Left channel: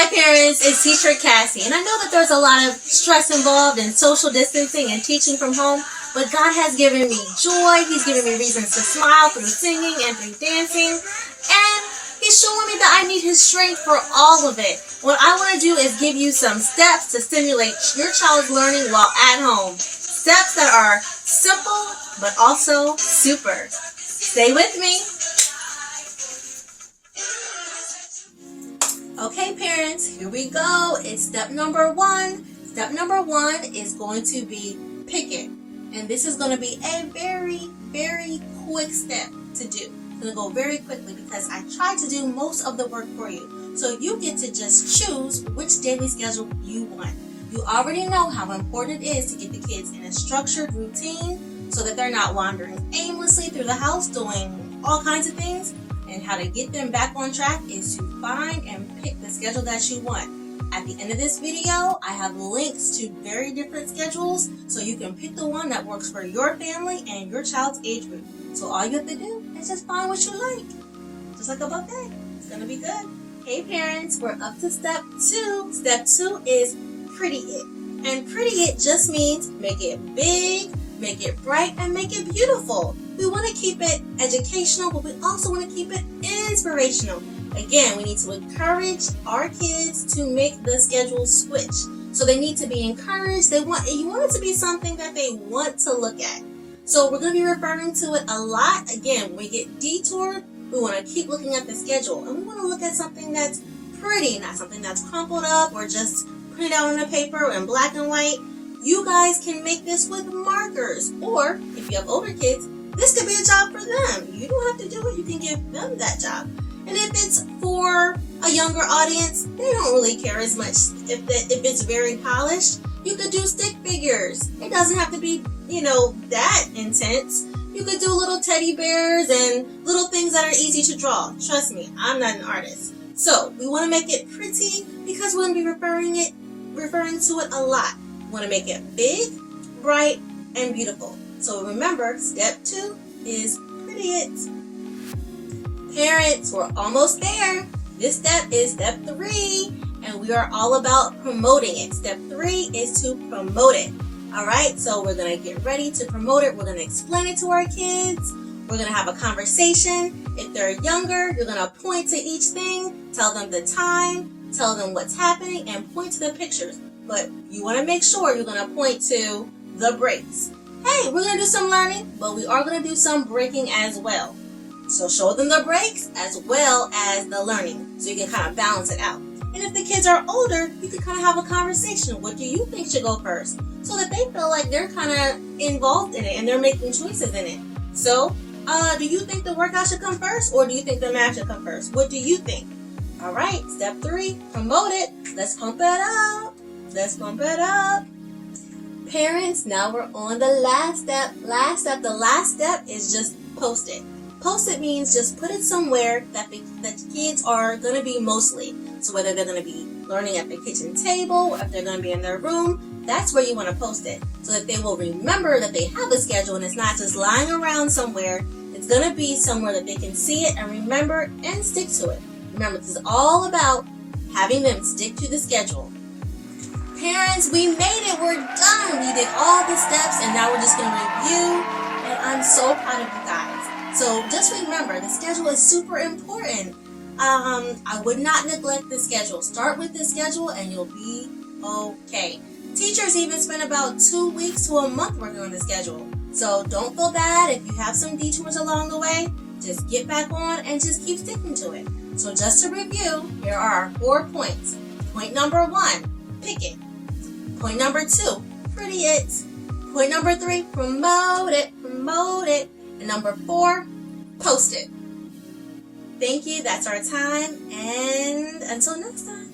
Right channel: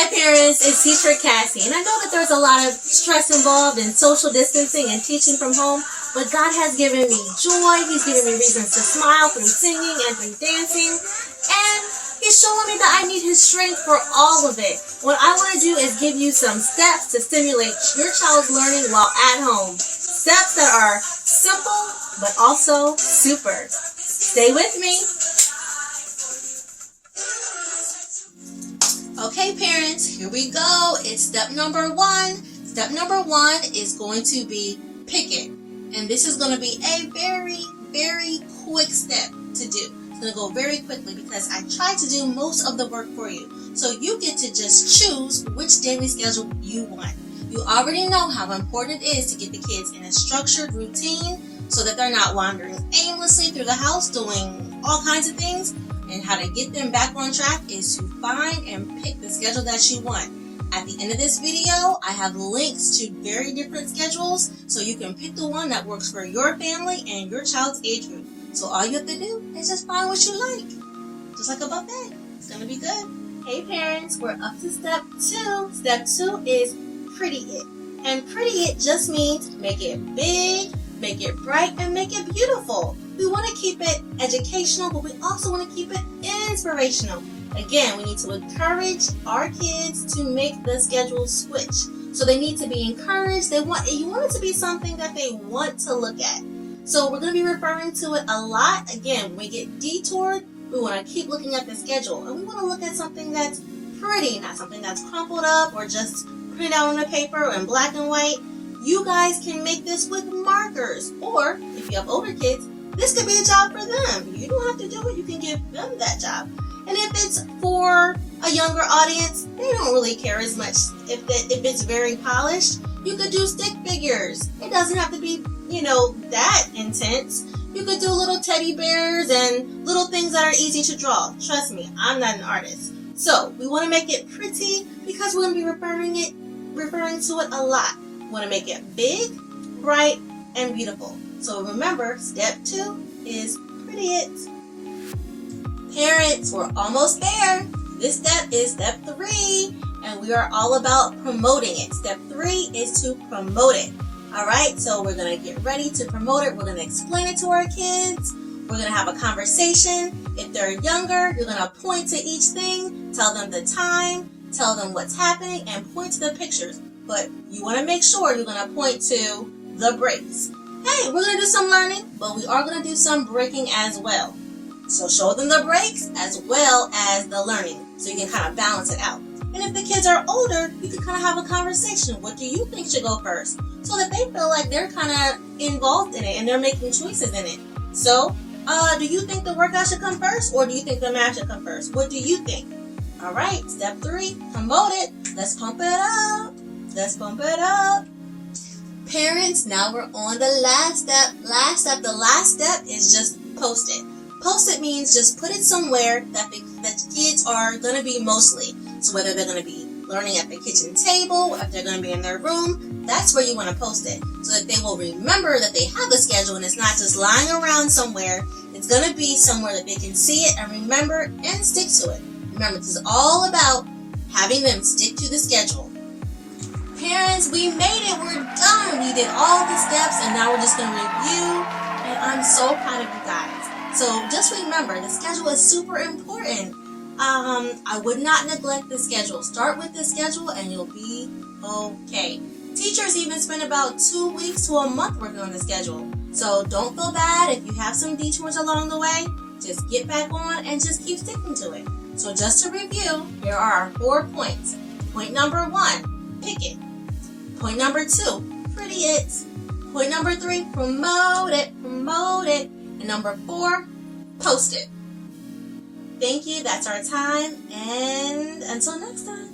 Hi parents, it's Teacher Cassie, and I know that there's a lot of stress involved in social distancing and teaching from home, but God has given me joy. He's given me reasons to smile through singing and through dancing, and He's showing me that I need His strength for all of it. What I want to do is give you some steps to stimulate your child's learning while at home. Steps that are simple, but also super. Stay with me. Okay, parents, here we go. It's step number one. Step number one is going to be pick it. And this is going to be a very, very quick step to do. It's going to go very quickly because I tried to do most of the work for you. So you get to just choose which daily schedule you want. You already know how important it is to get the kids in a structured routine so that they're not wandering aimlessly through the house doing all kinds of things. And how to get them back on track is to find and pick the schedule that you want. At the end of this video, I have links to very different schedules so you can pick the one that works for your family and your child's age group. So all you have to do is just find what you like. Just like a buffet. It's going to be good. Hey parents, we're up to step two. Step two is pretty it. And pretty it just means make it big, make it bright, and make it beautiful. We want to keep it educational, but we also want to keep it inspirational. Again, we need to encourage our kids to make the schedule switch. So they need to be encouraged. You want it to be something that they want to look at. So we're going to be referring to it a lot. Again, when we get detoured, we want to keep looking at the schedule. And we want to look at something that's pretty, not something that's crumpled up or just printed out on the paper in black and white. You guys can make this with markers. Or if you have older kids, this could be a job for them. You don't have to do it. You can give them that job. And if it's for a younger audience, they don't really care as much. If it's very polished, you could do stick figures. It doesn't have to be, that intense. You could do little teddy bears and little things that are easy to draw. Trust me, I'm not an artist. So we want to make it pretty because we're going to be referring to it a lot. We want to make it big, bright, and beautiful. So remember, step two is pretty it. Parents, we're almost there. This step is step three, and we are all about promoting it. Step three is to promote it. All right, so we're going to get ready to promote it. We're going to explain it to our kids. We're going to have a conversation. If they're younger, you're going to point to each thing, tell them the time, tell them what's happening, and point to the pictures. But you want to make sure you're going to point to the breaks. Hey, we're going to do some learning, but we are going to do some breaking as well. So show them the breaks as well as the learning so you can kind of balance it out. And if the kids are older, you can kind of have a conversation. What do you think should go first? So that they feel like they're kind of involved in it and they're making choices in it. So, do you think the workout should come first or do you think the math should come first? What do you think? All right, step three, promote it. Let's pump it up. Let's pump it up. Parents, now we're on the last step. The last step is just post it. Post it means just put it somewhere that the kids are going to be mostly. So whether they're going to be learning at the kitchen table, if they're going to be in their room, that's where you want to post it. So that they will remember that they have a schedule and it's not just lying around somewhere. It's going to be somewhere that they can see it and remember and stick to it. Remember, this is all about having them stick to the schedule. Parents, we made it. We're done. We did all the steps and now we're just going to review. And I'm so proud of you guys. So just remember, the schedule is super important. I would not neglect the schedule. Start with the schedule and you'll be okay. Teachers even spend about 2 weeks to a month working on the schedule. So don't feel bad if you have some detours along the way. Just get back on and just keep sticking to it. So just to review, here are our 4 points. Point number 1, pick it. Point number 2, pretty it. Point number 3, promote it. And number 4, post it. Thank you. That's our time. And until next time.